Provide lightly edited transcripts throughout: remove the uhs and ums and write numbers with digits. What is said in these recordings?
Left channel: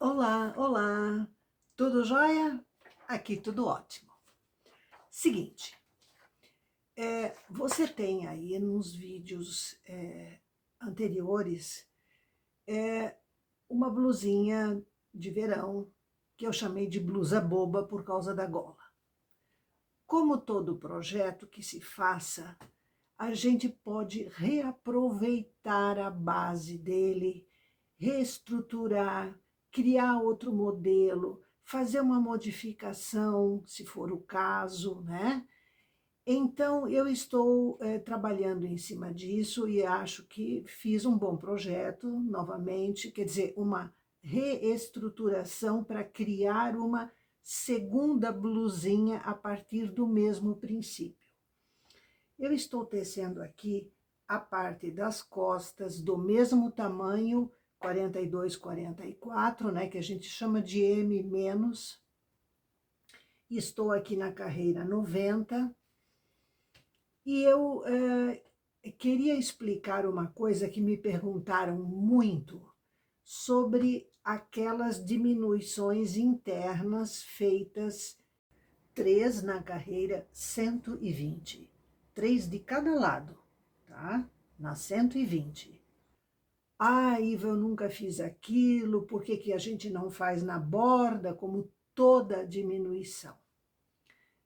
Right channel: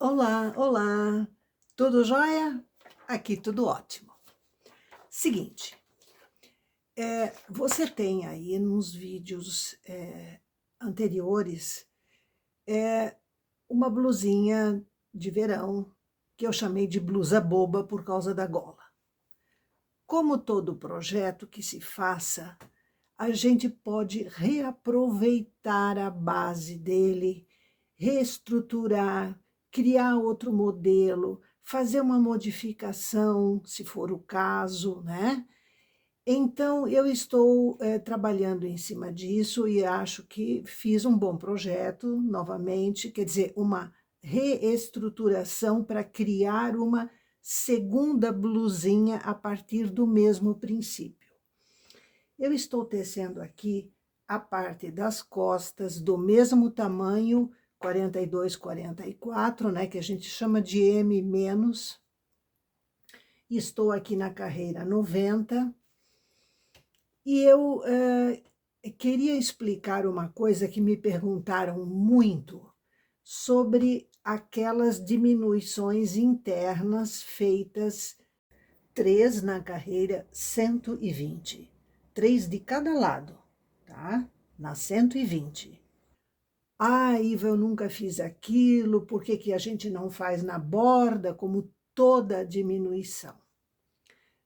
Olá, olá, tudo jóia? Aqui tudo ótimo. Seguinte, você tem aí nos vídeos anteriores uma blusinha de verão que eu chamei de blusa boba por causa da gola. Como todo projeto que se faça, a gente pode reaproveitar a base dele, reestruturar, criar outro modelo, fazer uma modificação, se for o caso, né? Então, eu estou trabalhando em cima disso e acho que fiz um bom projeto, novamente, quer dizer, uma reestruturação para criar uma segunda blusinha a partir do mesmo princípio. Eu estou tecendo aqui a parte das costas do mesmo tamanho, 42, 44, né, que a gente chama de M-. Estou aqui na carreira 90 e eu queria explicar uma coisa que me perguntaram muito sobre aquelas diminuições internas feitas 3 na carreira 120. 3 de cada lado, tá? Na 120. Ah, Iva, eu nunca fiz aquilo, por que que a gente não faz na borda, como toda diminuição?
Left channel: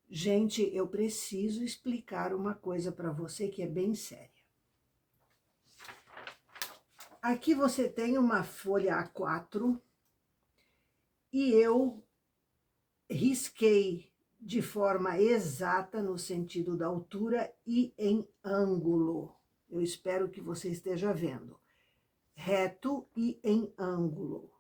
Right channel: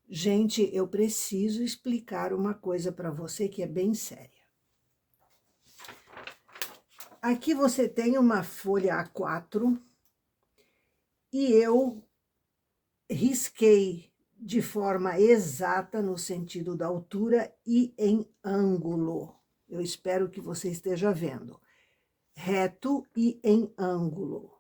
Gente, eu preciso explicar uma coisa para você que é bem séria. Aqui você tem uma folha A4 e eu risquei de forma exata no sentido da altura e em ângulo. Eu espero que você esteja vendo. Reto e em ângulo.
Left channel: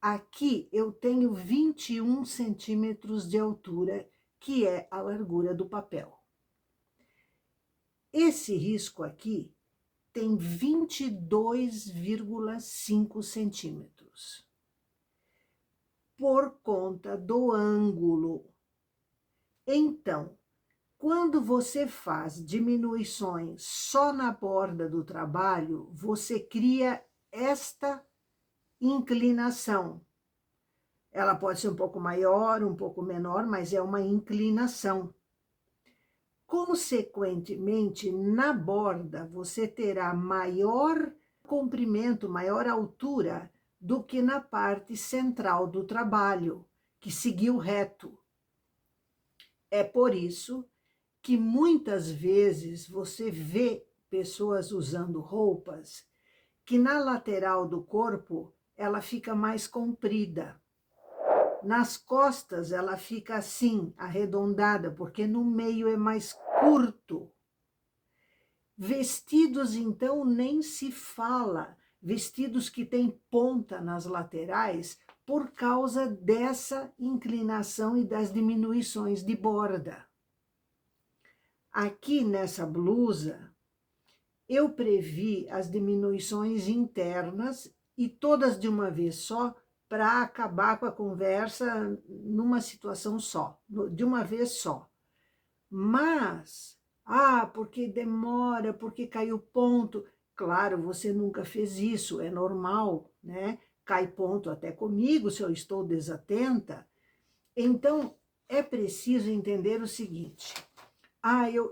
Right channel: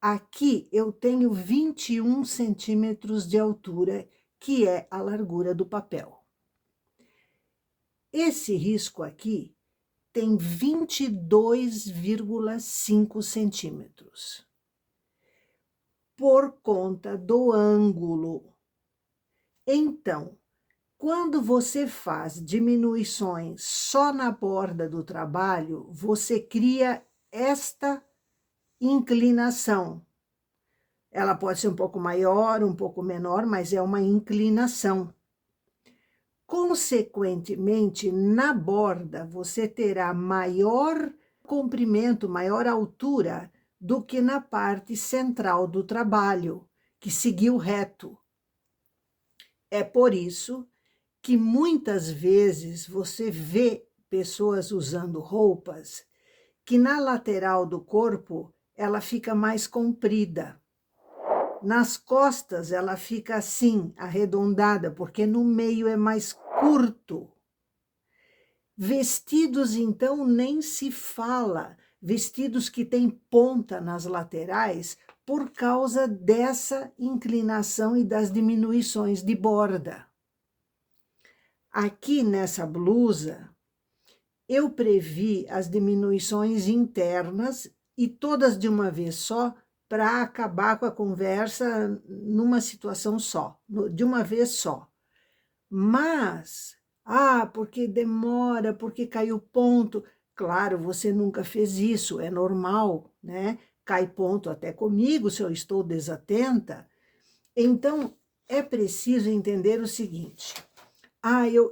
Aqui eu tenho 21 centímetros de altura, que é a largura do papel. Esse risco aqui tem 22,5 centímetros. Por conta do ângulo. Então, quando você faz diminuições só na borda do trabalho, você cria esta inclinação. Ela pode ser um pouco maior, um pouco menor, mas é uma inclinação. Consequentemente, na borda, você terá maior comprimento, maior altura do que na parte central do trabalho, que seguiu reto. É por isso que muitas vezes você vê pessoas usando roupas que na lateral do corpo ela fica mais comprida. Nas costas ela fica assim, arredondada, porque no meio é mais curto. Vestidos, então, nem se fala. Vestidos que têm ponta nas laterais por causa dessa inclinação e das diminuições de borda. Aqui nessa blusa, eu previ as diminuições internas e todas de uma vez só, para acabar com a conversa numa situação só, de uma vez só. Mas, porque demora, porque caiu ponto. Claro, você nunca fez isso, é normal, né? Cai ponto até comigo se eu estou desatenta. Então, é preciso entender o seguinte.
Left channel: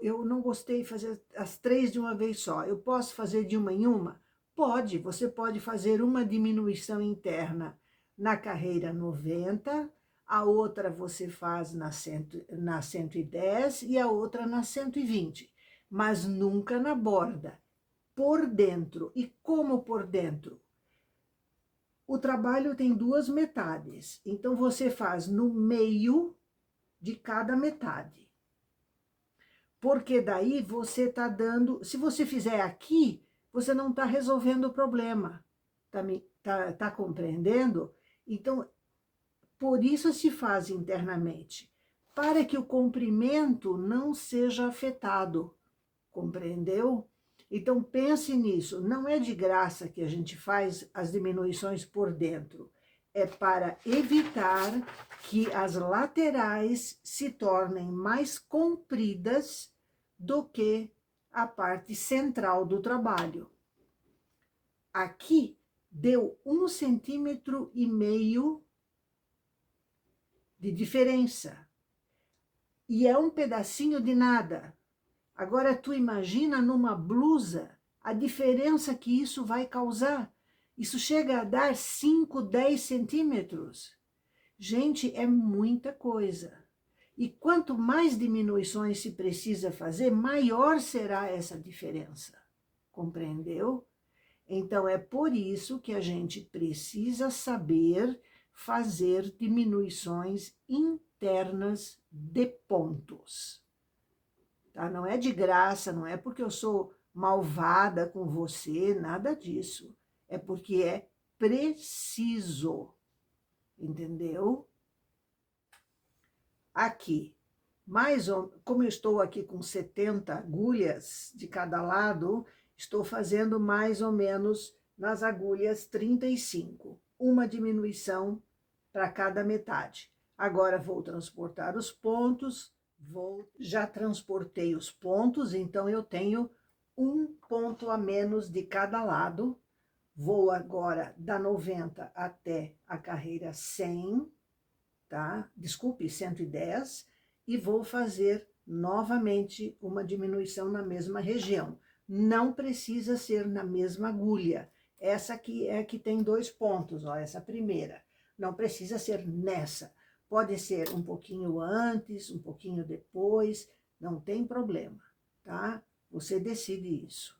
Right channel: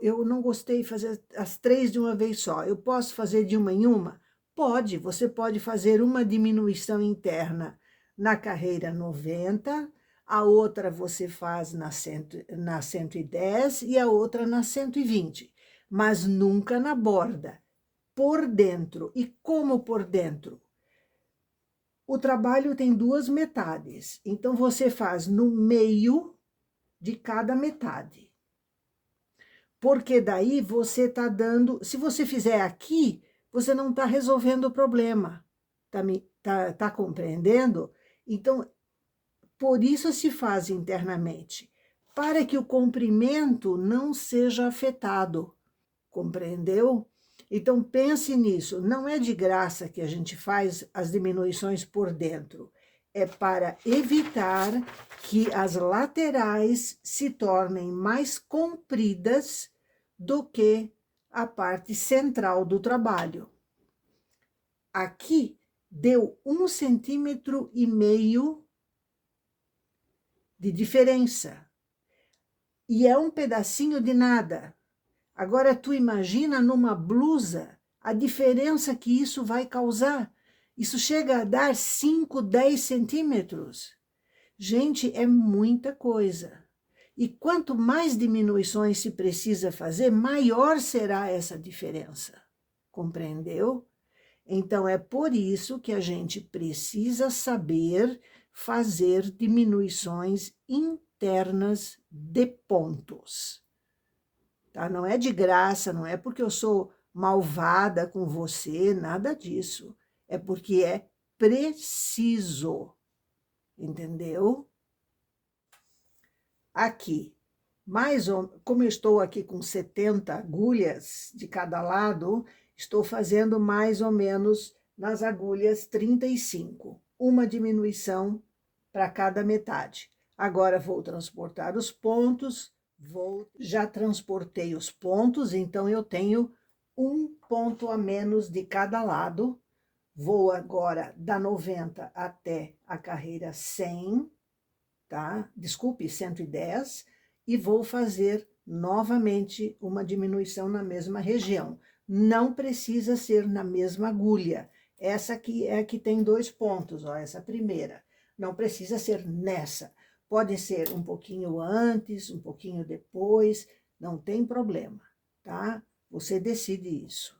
Eu não gostei de fazer as 3 de uma vez só. Eu posso fazer de uma em uma? Pode, você pode fazer uma diminuição interna na carreira 90, a outra você faz na 110 e a outra na 120, mas nunca na borda, por dentro. E como por dentro? O trabalho tem 2 metades, então você faz no meio de cada metade. Porque daí você está dando... Se você fizer aqui, você não está resolvendo o problema. Tá compreendendo? Então, por isso se faz internamente, para que o comprimento não seja afetado. Compreendeu? Então, pense nisso. Não é de graça que a gente faz as diminuições por dentro. É para evitar que as laterais se tornem mais compridas do que a parte central do trabalho. Aqui deu 1,5 centímetros de diferença. E é um pedacinho de nada. Agora, tu imagina numa blusa a diferença que isso vai causar. Isso chega a dar 5, 10 centímetros. Gente, é muita coisa. E quanto mais diminuições se precisa fazer, maior será essa diferença. Compreendeu? Então, é por isso que a gente precisa saber fazer diminuições internas de pontos. Tá? Não é de graça, não é porque eu sou malvada com você, nada disso. É porque é preciso, entendeu? Aqui, como eu estou aqui com 70 agulhas de cada lado, estou fazendo mais ou menos nas agulhas 35, uma diminuição para cada metade. Agora vou transportar os pontos, já transportei os pontos, então eu tenho um ponto a menos de cada lado. Vou agora da 90 até a carreira 100, tá? Desculpe, 110, e vou fazer novamente uma diminuição na mesma região. Não precisa ser na mesma agulha. Essa aqui é a que tem 2 pontos, ó, essa primeira. Não precisa ser nessa. Pode ser um pouquinho antes, um pouquinho depois, não tem problema, tá? Você decide isso.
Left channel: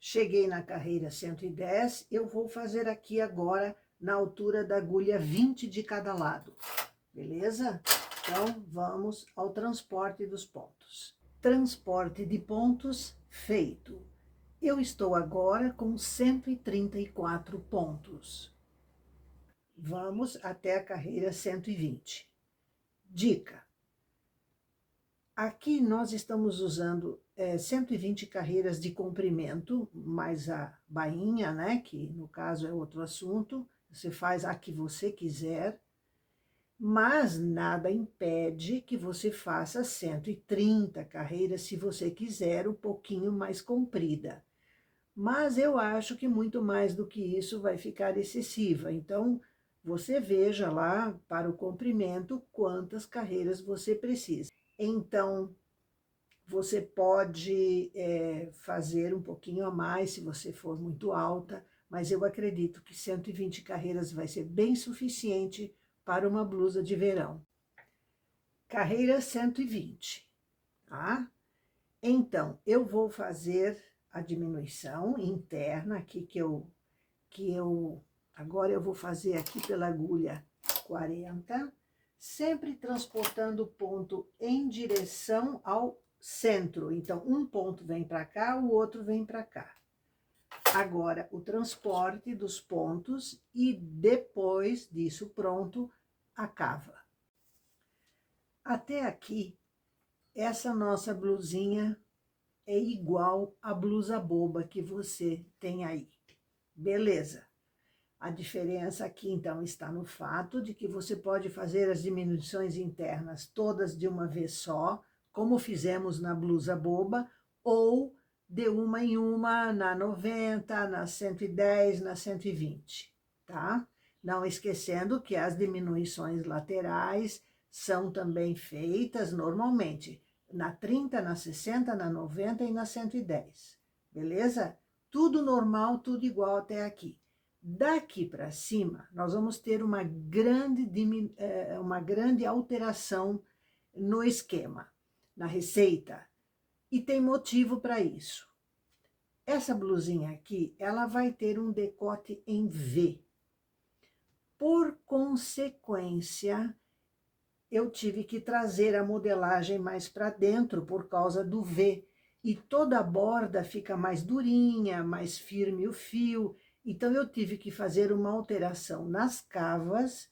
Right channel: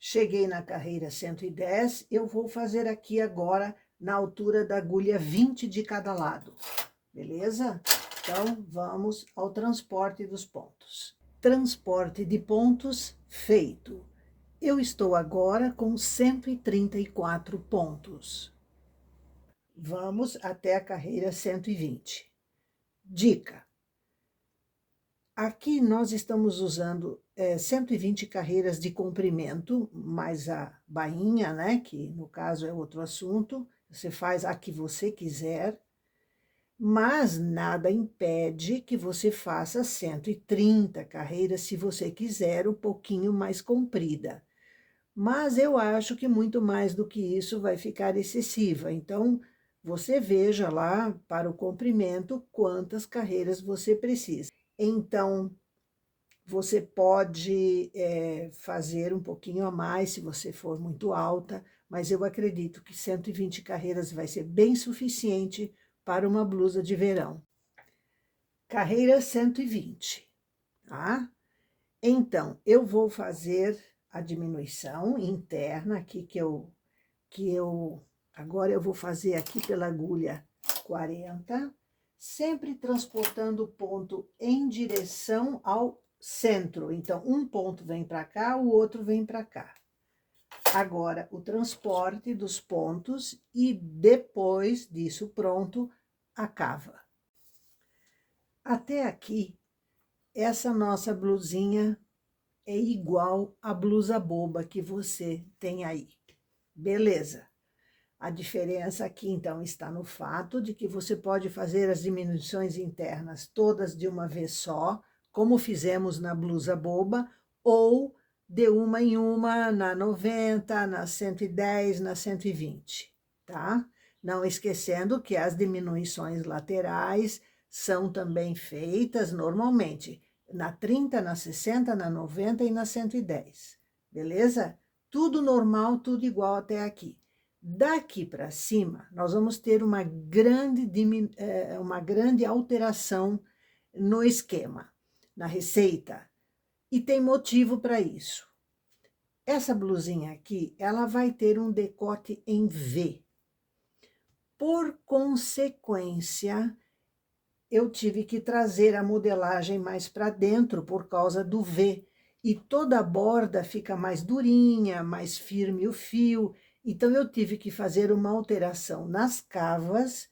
Cheguei na carreira 110, eu vou fazer aqui agora na altura da agulha 20 de cada lado, beleza? Então, vamos ao transporte dos pontos. Transporte de pontos feito. Eu estou agora com 134 pontos. Vamos até a carreira 120. Dica. Aqui nós estamos usando 120 carreiras de comprimento, mais a bainha, né? Que no caso é outro assunto. Você faz a que você quiser, mas nada impede que você faça 130 carreiras, se você quiser, um pouquinho mais comprida. Mas eu acho que muito mais do que isso vai ficar excessiva. Então, você veja lá para o comprimento quantas carreiras você precisa. Então, você pode fazer um pouquinho a mais se você for muito alta, mas eu acredito que 120 carreiras vai ser bem suficiente para uma blusa de verão. Carreira 120, tá? Então, eu vou fazer a diminuição interna aqui agora eu vou fazer aqui pela agulha 40, sempre transportando o ponto em direção ao centro. Então, um ponto vem para cá, o outro vem para cá. Agora, o transporte dos pontos e depois disso pronto, a cava. Até aqui, essa nossa blusinha é igual à blusa boba que você tem aí. Beleza. A diferença aqui, então, está no fato de que você pode fazer as diminuições internas todas de uma vez só, como fizemos na blusa boba, ou de uma em uma, na 90, na 110, na 120, tá? Não esquecendo que as diminuições laterais são também feitas normalmente na 30, na 60, na 90 e na 110, beleza? Tudo normal, tudo igual até aqui. Daqui para cima, nós vamos ter uma grande alteração no esquema, na receita, e tem motivo para isso. Essa blusinha aqui, ela vai ter um decote em V. Por consequência, eu tive que trazer a modelagem mais para dentro por causa do V, e toda a borda fica mais durinha, mais firme o fio. Então, eu tive que fazer uma alteração nas cavas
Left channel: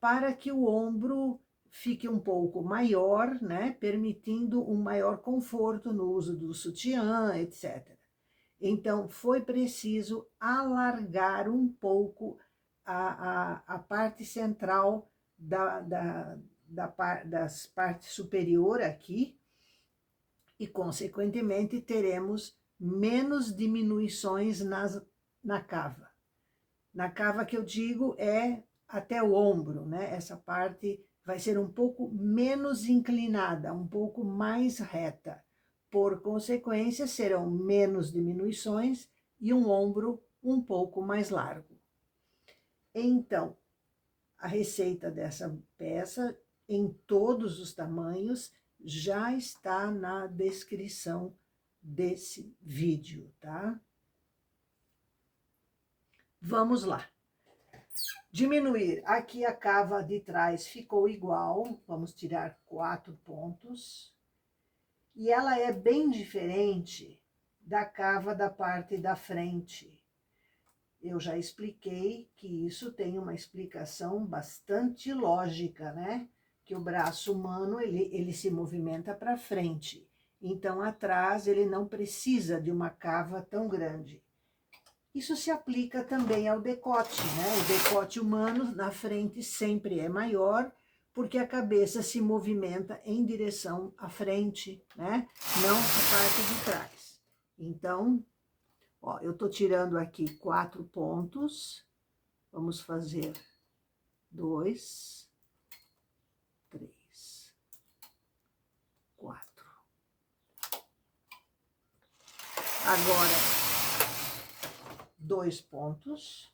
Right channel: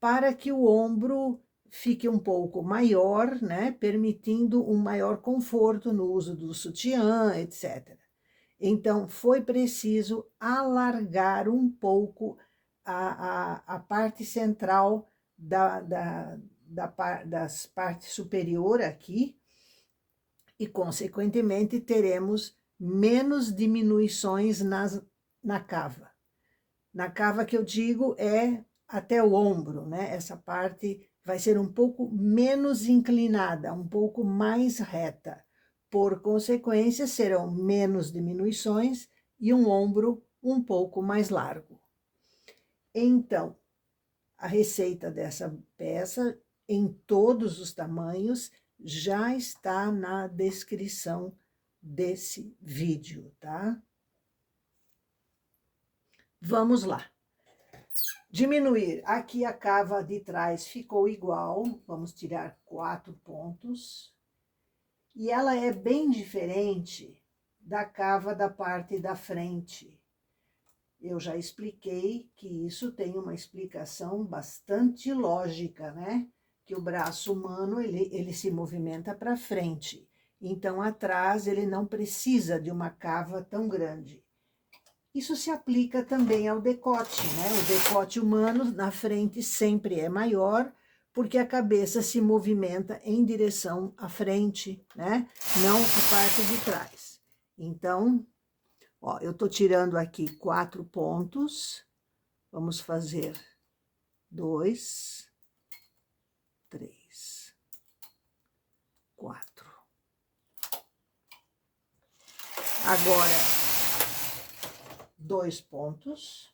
para que o ombro fique um pouco maior, né? Permitindo um maior conforto no uso do sutiã, etc. Então, foi preciso alargar um pouco a parte central das partes superior aqui, e, consequentemente, teremos menos diminuições na cava. Na cava que eu digo é até o ombro, né? Essa parte vai ser um pouco menos inclinada, um pouco mais reta. Por consequência, serão menos diminuições e um ombro um pouco mais largo. Então, a receita dessa peça, em todos os tamanhos, já está na descrição desse vídeo, tá? Vamos lá. Diminuir. Aqui a cava de trás ficou igual, vamos tirar 4 pontos. E ela é bem diferente da cava da parte da frente. Eu já expliquei que isso tem uma explicação bastante lógica, né? Que o braço humano, ele se movimenta para frente. Então, atrás, ele não precisa de uma cava tão grande. Isso se aplica também ao decote, né? O decote humano na frente sempre é maior, porque a cabeça se movimenta em direção à frente, né? Não a parte de trás. Então, ó, eu tô tirando aqui 4 pontos. Vamos fazer 2, 3, 4. Agora, 2 pontos.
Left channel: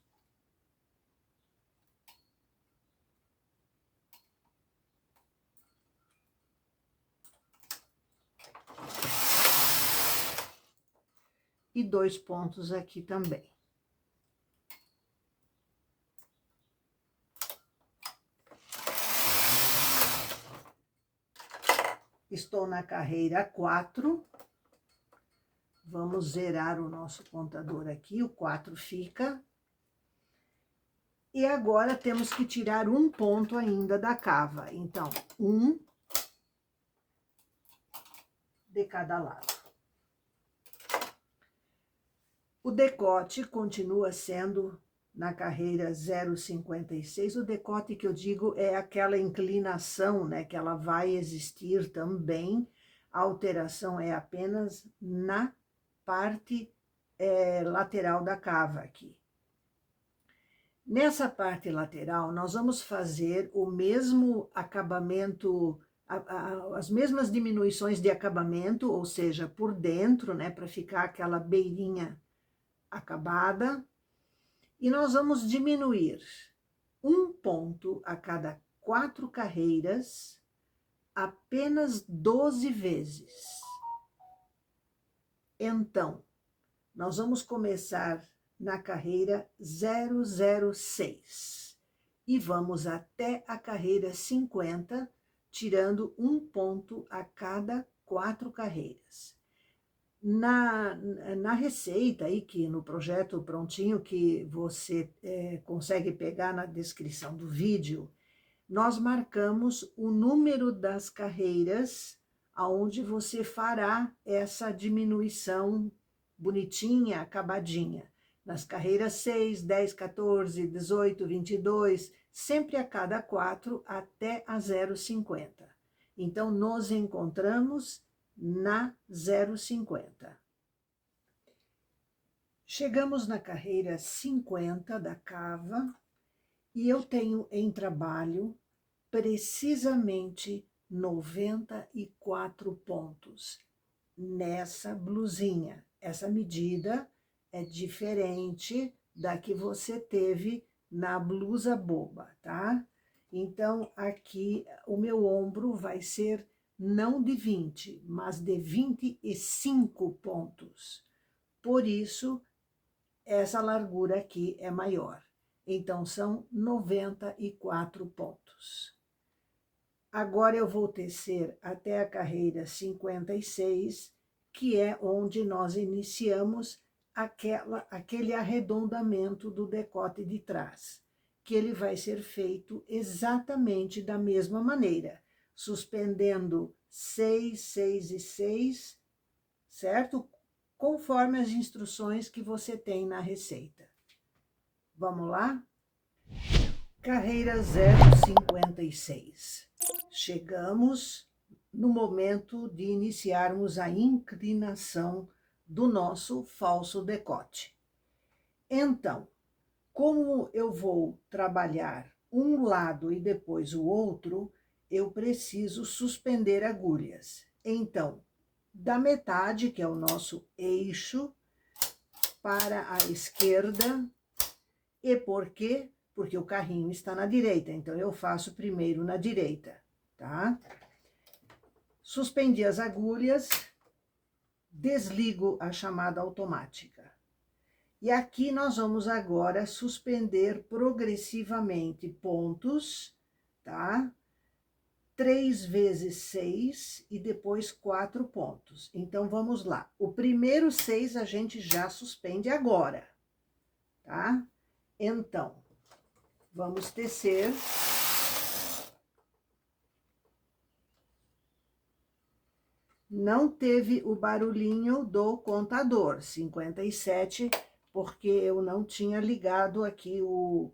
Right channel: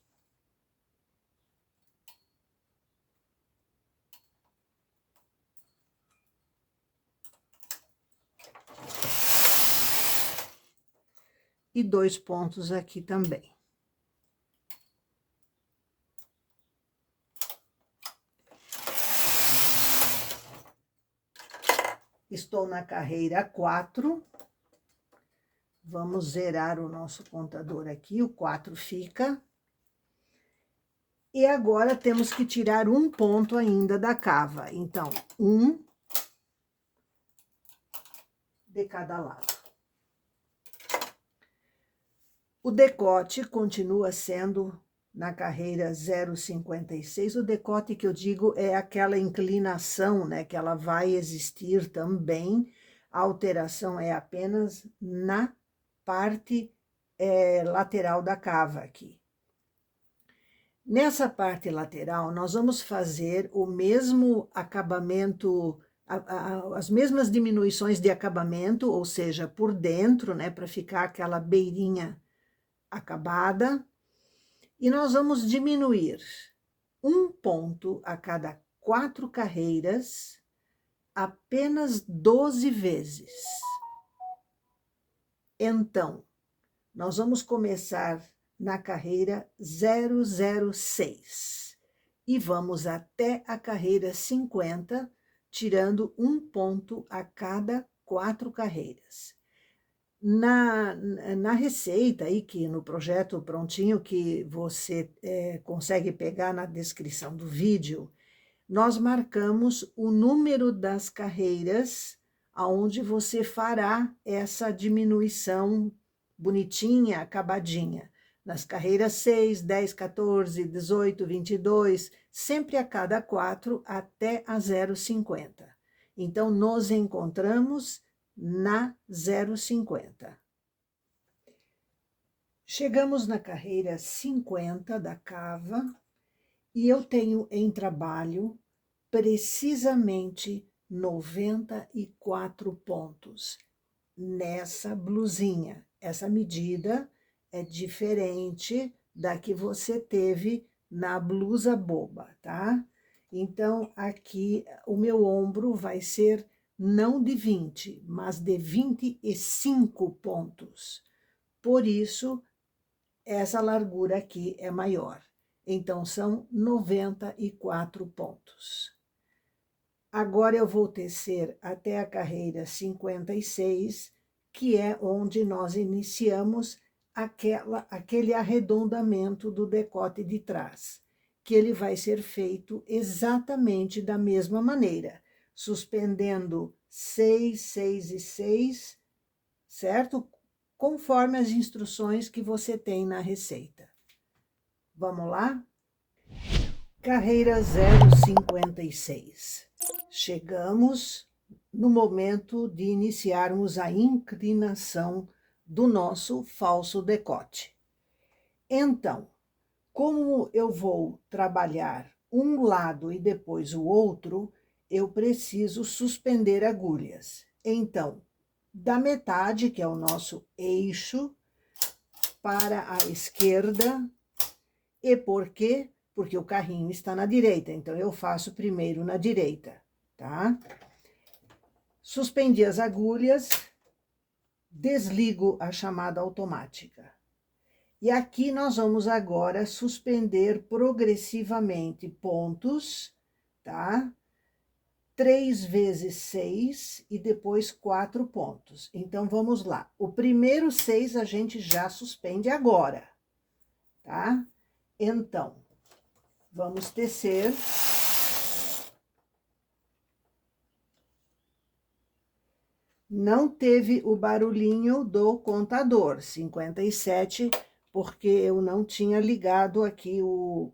E 2 pontos aqui também. Estou na carreira 4. Vamos zerar o nosso contador aqui, o 4 fica. E agora temos que tirar um ponto ainda da cava. Então, 1 de cada lado. O decote continua sendo na carreira 0,56. O decote que eu digo é aquela inclinação, né, que ela vai existir também. A alteração é apenas na parte lateral da cava aqui. Nessa parte lateral, nós vamos fazer o mesmo acabamento, as mesmas diminuições de acabamento, ou seja, por dentro, né, para ficar aquela beirinha acabada. E nós vamos diminuir um ponto a cada 4 carreiras, apenas 12 vezes. Então, nós vamos começar na carreira 006 e vamos até a carreira 50, tirando um ponto a cada 4 carreiras. Na receita aí, que no projeto prontinho que você consegue pegar na descrição do vídeo, nós marcamos o número das carreiras aonde você fará essa diminuição bonitinha, acabadinha. Nas carreiras 6, 10, 14, 18, 22, sempre a cada 4 até a 0,50. Então, nos encontramos na 0,50. Chegamos na carreira 50 da cava e eu tenho em trabalho precisamente 94 pontos nessa blusinha. Essa medida é diferente da que você teve na blusa boba, tá? Então, aqui o meu ombro vai ser não de 20, mas de 25 pontos. Por isso, essa largura aqui é maior. Então, são 94 pontos. Agora, eu vou tecer até a carreira 56, que é onde nós iniciamos aquele arredondamento do decote de trás, que ele vai ser feito exatamente da mesma maneira, suspendendo 6, 6 e 6, certo? Conforme as instruções que você tem na receita. Vamos lá? Carreira 0,56. Chegamos no momento de iniciarmos a inclinação do nosso falso decote. Então, como eu vou trabalhar um lado e depois o outro, eu preciso suspender agulhas. Então, da metade, que é o nosso eixo, para a esquerda. E por quê? Porque o carrinho está na direita, então eu faço primeiro na direita, tá? Suspendi as agulhas, desligo a chamada automática. E aqui nós vamos agora suspender progressivamente pontos, tá? 3 vezes 6 e depois 4 pontos. Então, vamos lá. O primeiro 6 a gente já suspende agora, tá? Então, vamos tecer. Não teve o barulhinho do contador, 57, porque eu não tinha ligado aqui o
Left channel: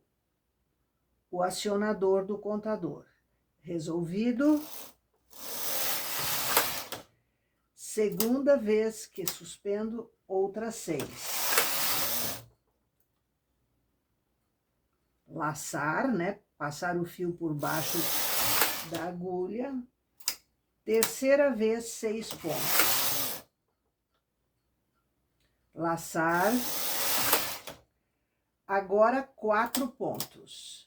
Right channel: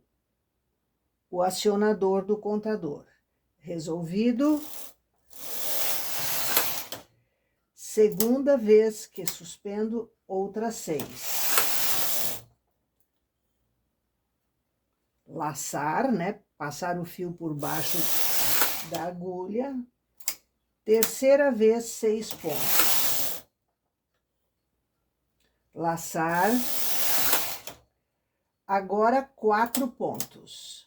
acionador do contador. Resolvido. Segunda vez que suspendo, outras 6. Laçar, né? Passar o fio por baixo da agulha. Terceira vez, 6 pontos. Laçar. Agora, 4 pontos.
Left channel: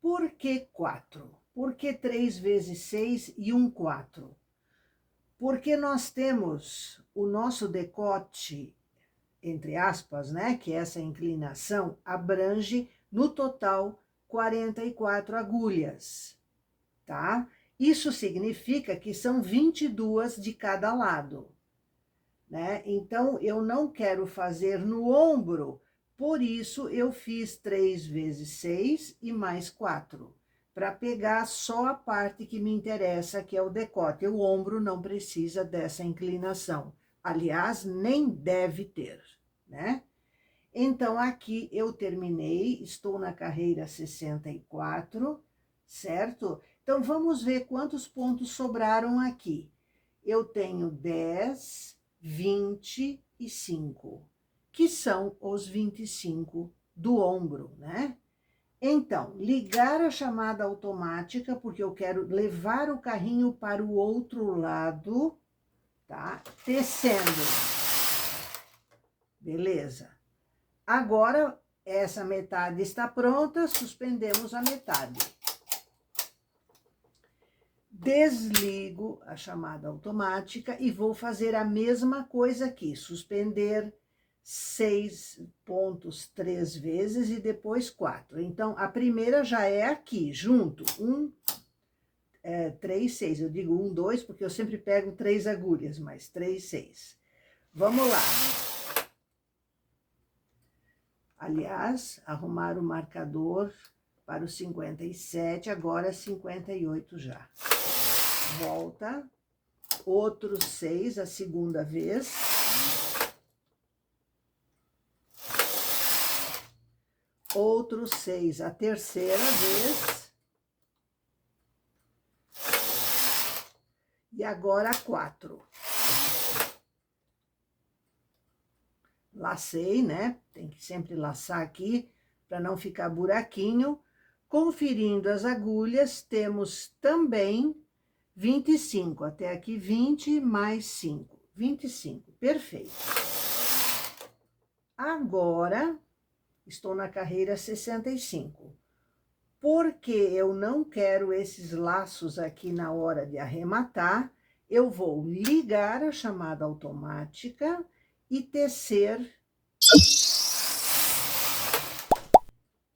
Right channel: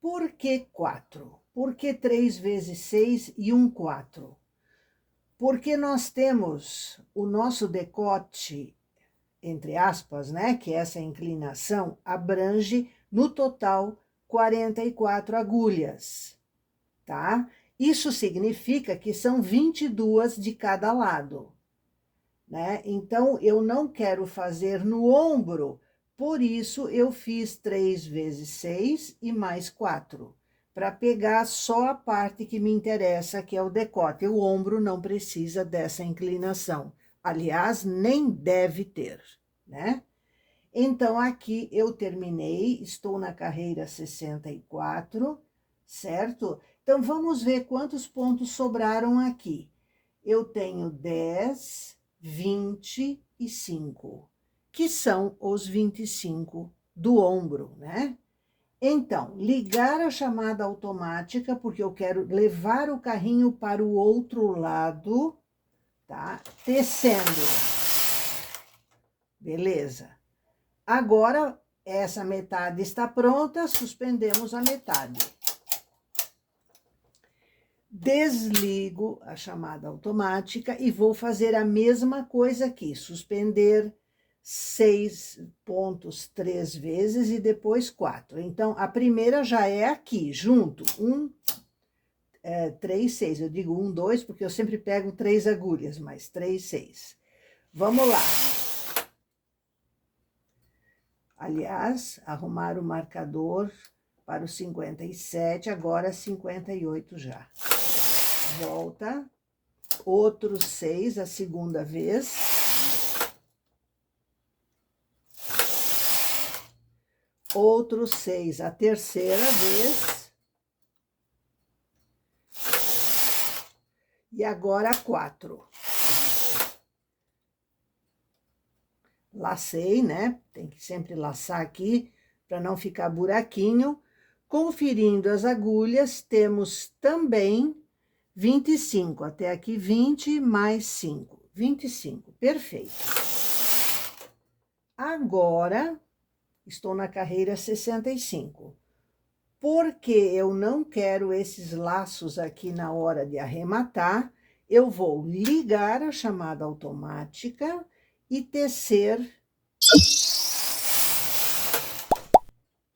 Por que 4? Por que 3 vezes 6 e 4? Porque nós temos o nosso decote, entre aspas, né, que essa inclinação abrange no total 44 agulhas, tá? Isso significa que são 22 de cada lado, né? Então, eu não quero fazer no ombro, por isso eu fiz 3 vezes 6 e mais 4, para pegar só a parte que me interessa, que é o decote. O ombro não precisa dessa inclinação. Aliás, nem deve ter, né? Então, aqui eu terminei, estou na carreira 64, certo? Então, vamos ver quantos pontos sobraram aqui. Eu tenho 10, 25, que são os 25 do ombro, né? Então, ligar a chamada automática, porque eu quero levar o carrinho para o outro lado, tá? Tecendo. Beleza. Agora, essa metade está pronta, suspendemos a metade. Desligo a chamada automática e vou fazer a mesma coisa aqui, suspender 6 pontos 3 vezes e depois 4. Então, a primeira já é aqui, junto, 3, 6. Eu digo 1, 2, porque eu sempre pego 3 agulhas, mas 3, 6. Vamos lá. Aliás, arrumar o marcador para o 57, agora 58 já. Volta, outros 6, a segunda vez. Outros 6, a terceira vez. E agora 4. Lacei, né? Tem que sempre laçar aqui, para não ficar buraquinho. Conferindo as agulhas, temos também 25, até aqui 20 mais 5, 25, perfeito. Agora, estou na carreira 65. Porque eu não quero esses laços aqui na hora de arrematar, eu vou ligar a chamada automática e tecer.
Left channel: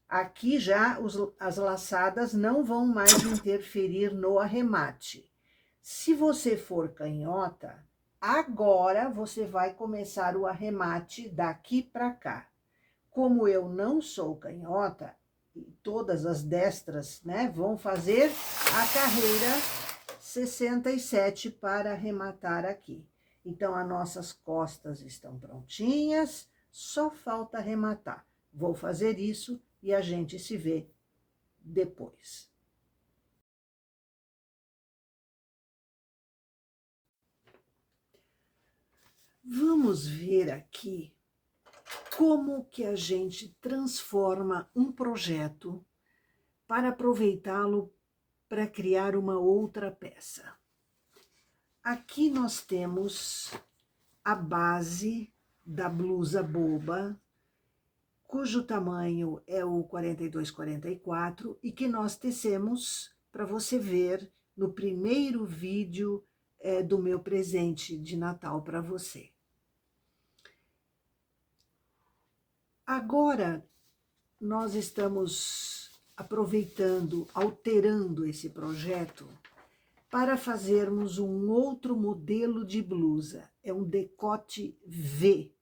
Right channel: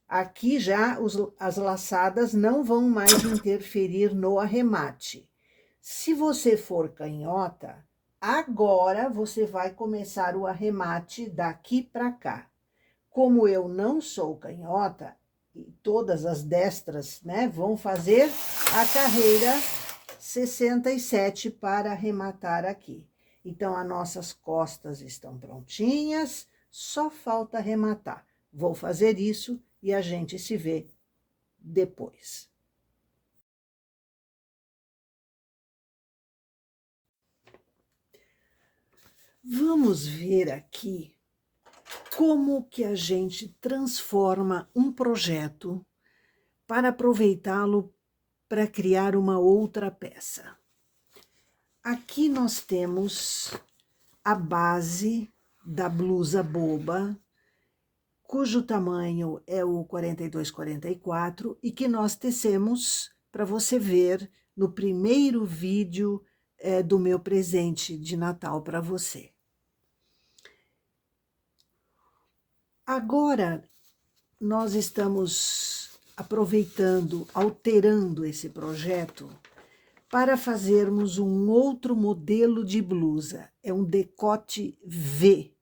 Aqui já as laçadas não vão mais interferir no arremate. Se você for canhota, agora você vai começar o arremate daqui para cá. Como eu não sou canhota, todas as destras, né, vão fazer a carreira 67 para arrematar aqui. Então, as nossas costas estão prontinhas, só falta arrematar. Vou fazer isso e a gente se vê depois. Vamos ver aqui como que a gente transforma um projeto para aproveitá-lo para criar uma outra peça. Aqui nós temos a base da blusa boba, cujo tamanho é o 42-44 e que nós tecemos para você ver no primeiro vídeo do meu presente de Natal para você. Agora, nós estamos aproveitando, alterando esse projeto para fazermos um outro modelo de blusa. É um decote V.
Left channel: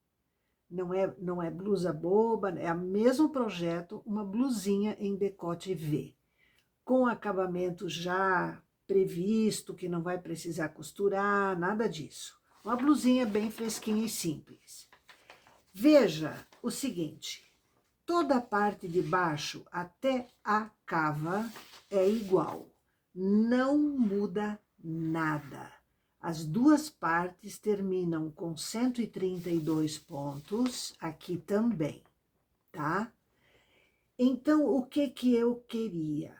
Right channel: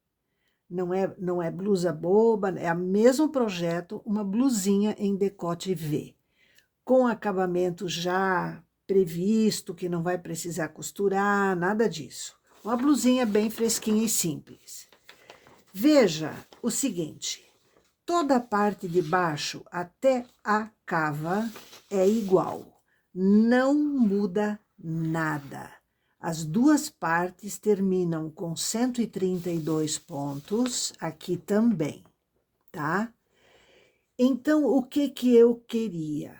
Não é blusa boba, é o mesmo projeto, uma blusinha em decote V, com acabamento já previsto, que não vai precisar costurar, nada disso. Uma blusinha bem fresquinha e simples. Veja o seguinte, toda a parte de baixo até a cava é igual, não muda nada. As duas partes terminam com 132 pontos, aqui também, tá? Então, o que eu queria?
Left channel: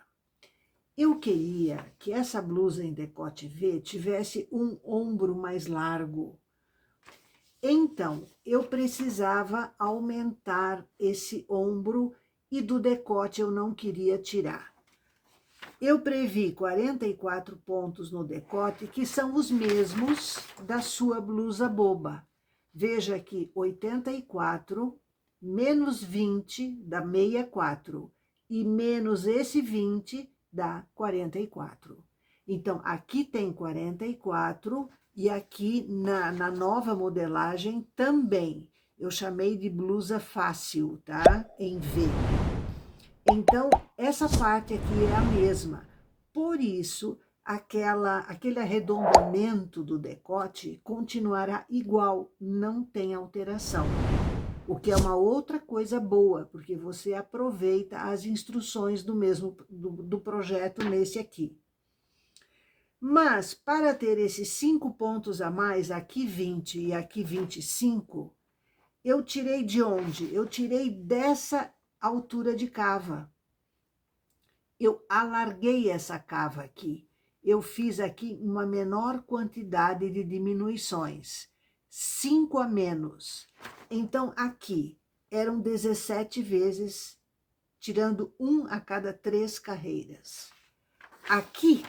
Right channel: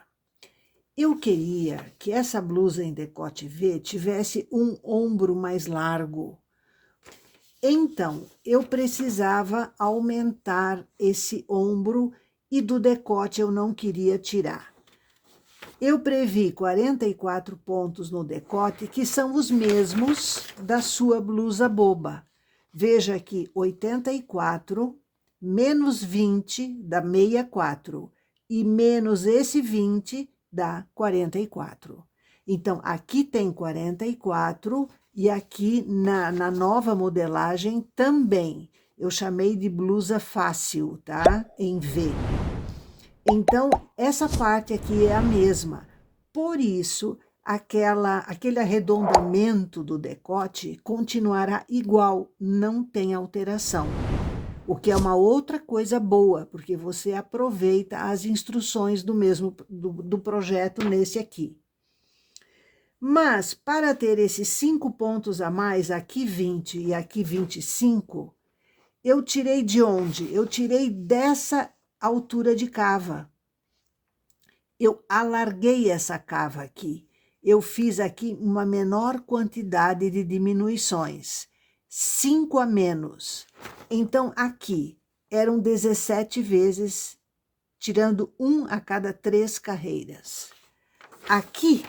Eu queria que essa blusa em decote V tivesse um ombro mais largo. Então, eu precisava aumentar esse ombro e do decote eu não queria tirar. Eu previ 44 pontos no decote, que são os mesmos da sua blusa boba. Veja aqui, 84 menos 20 dá 64 e menos esse 20 dá 44. Então, aqui tem 44 e aqui na nova modelagem também. Eu chamei de blusa fácil, tá? Em V. Então, essa parte aqui é a mesma. Por isso, aquele arredondamento do decote continuará igual, não tem alteração. O que é uma outra coisa boa, porque você aproveita as instruções do projeto nesse aqui. Mas, para ter esses 5 pontos a mais, aqui 20 e aqui 25, eu tirei de onde? Eu tirei dessa altura de cava. Eu alarguei essa cava aqui. Eu fiz aqui uma menor quantidade de diminuições. 5 a menos. Então, aqui eram 17 vezes, tirando 1 a cada 3 carreiras. Aqui,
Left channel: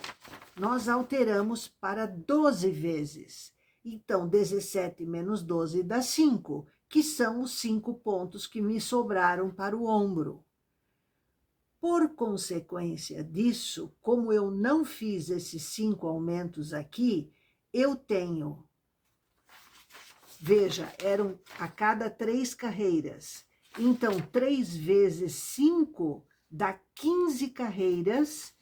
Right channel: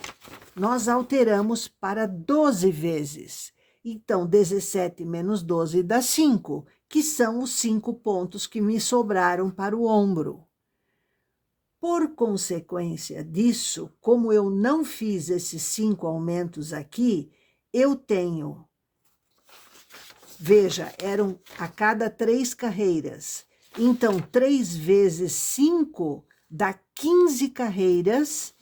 nós alteramos para 12 vezes. Então, 17 menos 12 dá 5, que são os 5 pontos que me sobraram para o ombro. Por consequência disso, como eu não fiz esses 5 aumentos aqui, eu tenho, veja, eram a cada 3 carreiras. Então, 3 vezes 5 dá 15 carreiras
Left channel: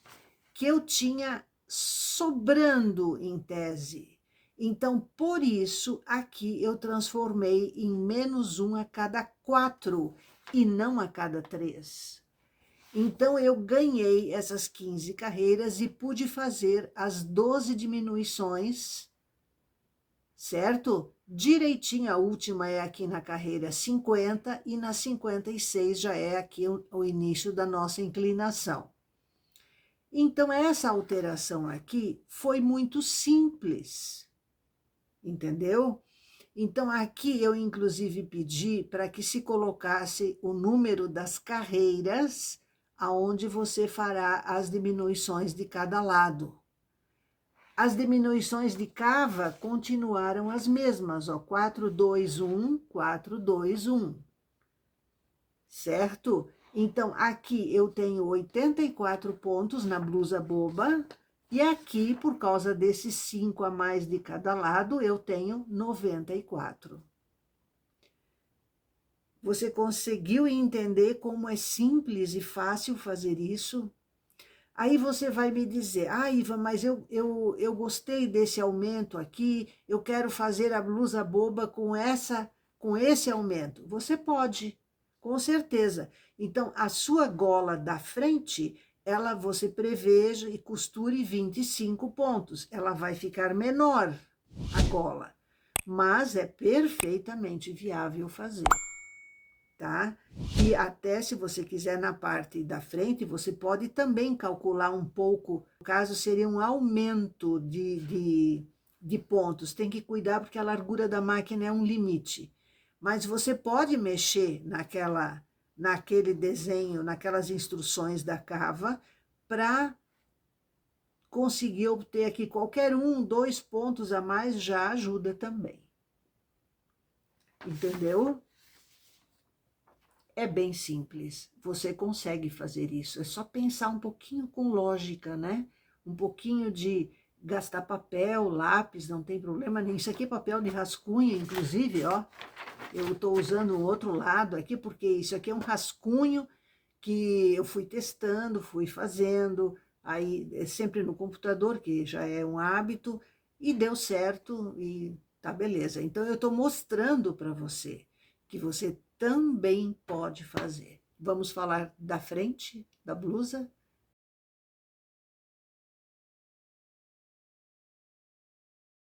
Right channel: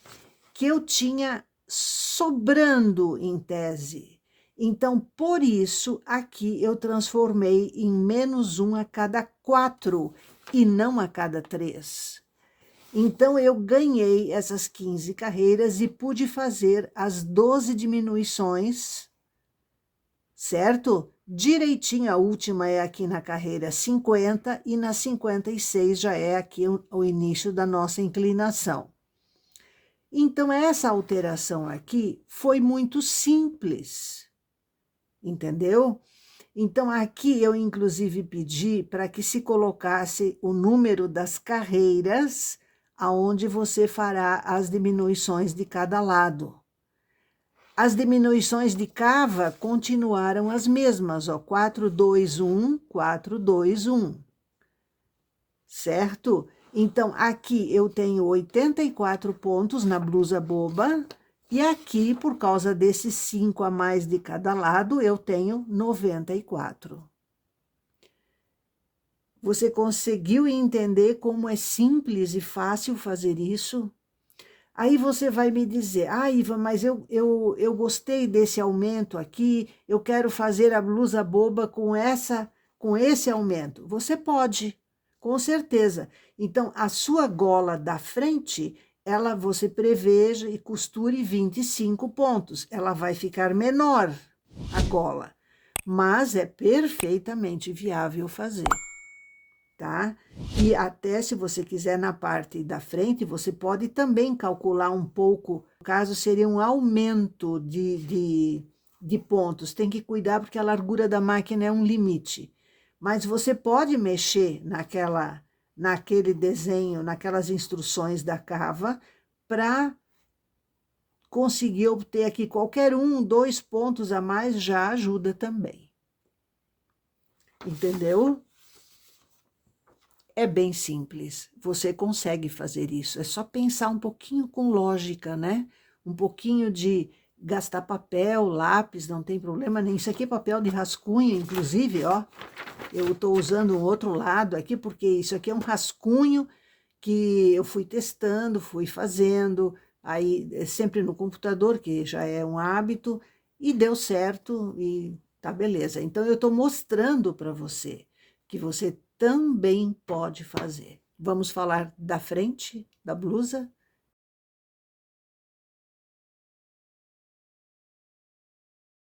que eu tinha sobrando em tese. Então, por isso, aqui eu transformei em menos 1 a cada 4 e não a cada 3. Então, eu ganhei essas 15 carreiras e pude fazer as 12 diminuições, certo? Direitinho, a última é aqui na carreira 50 e na 56 já é aqui o início da nossa inclinação. Então, essa alteração aqui foi muito simples, entendeu? Então, aqui eu, inclusive, pedi para que se colocasse o número das carreiras aonde você fará as diminuições de cada lado. As diminuições de cava continuaram as mesmas, ó, 4, 2, 1, 4, 2, 1, certo? Então, aqui eu tenho 84 pontos na blusa boba, e aqui, por causa desses 5 a mais de cada lado, eu tenho 94. Você conseguiu entender como é simples e fácil fazer isso? Aí você vai me dizer, Iva, mas eu gostei desse aumento aqui, eu quero fazer a blusa boba com esse aumento. Você pode, com certeza. Então, a sua gola da frente, você preveja e costure 25 pontos. Ela vai ficar menor, a gola. mas é perfeitamente viável fazer, tá? E até se você quiser na parte da frente, você pode também calcular um pouco, no caso seria um aumento de pontos, tem que cuidar porque a largura da máquina é um limite, mas você pode mexer naquele desenho, naquelas instruções da Cava, para conseguir obter aqui qualquer 2 pontos a mais já ajuda também. Entendeu? É bem simples, você consegue fazer isso, é só pensar um pouquinho com lógica, né? Um pouquinho de gastar papel, lápis, não tem problema nenhum. Isso aqui é papel de rascunho, inclusive, ó. Eu estou usando o outro lado aqui, porque isso aqui é um rascunho que eu fui testando, fui fazendo, aí sempre no computador, que já é um hábito, e deu certo, e tá beleza. Então, eu estou mostrando para você que você também pode fazer. Vamos falar da frente da blusa?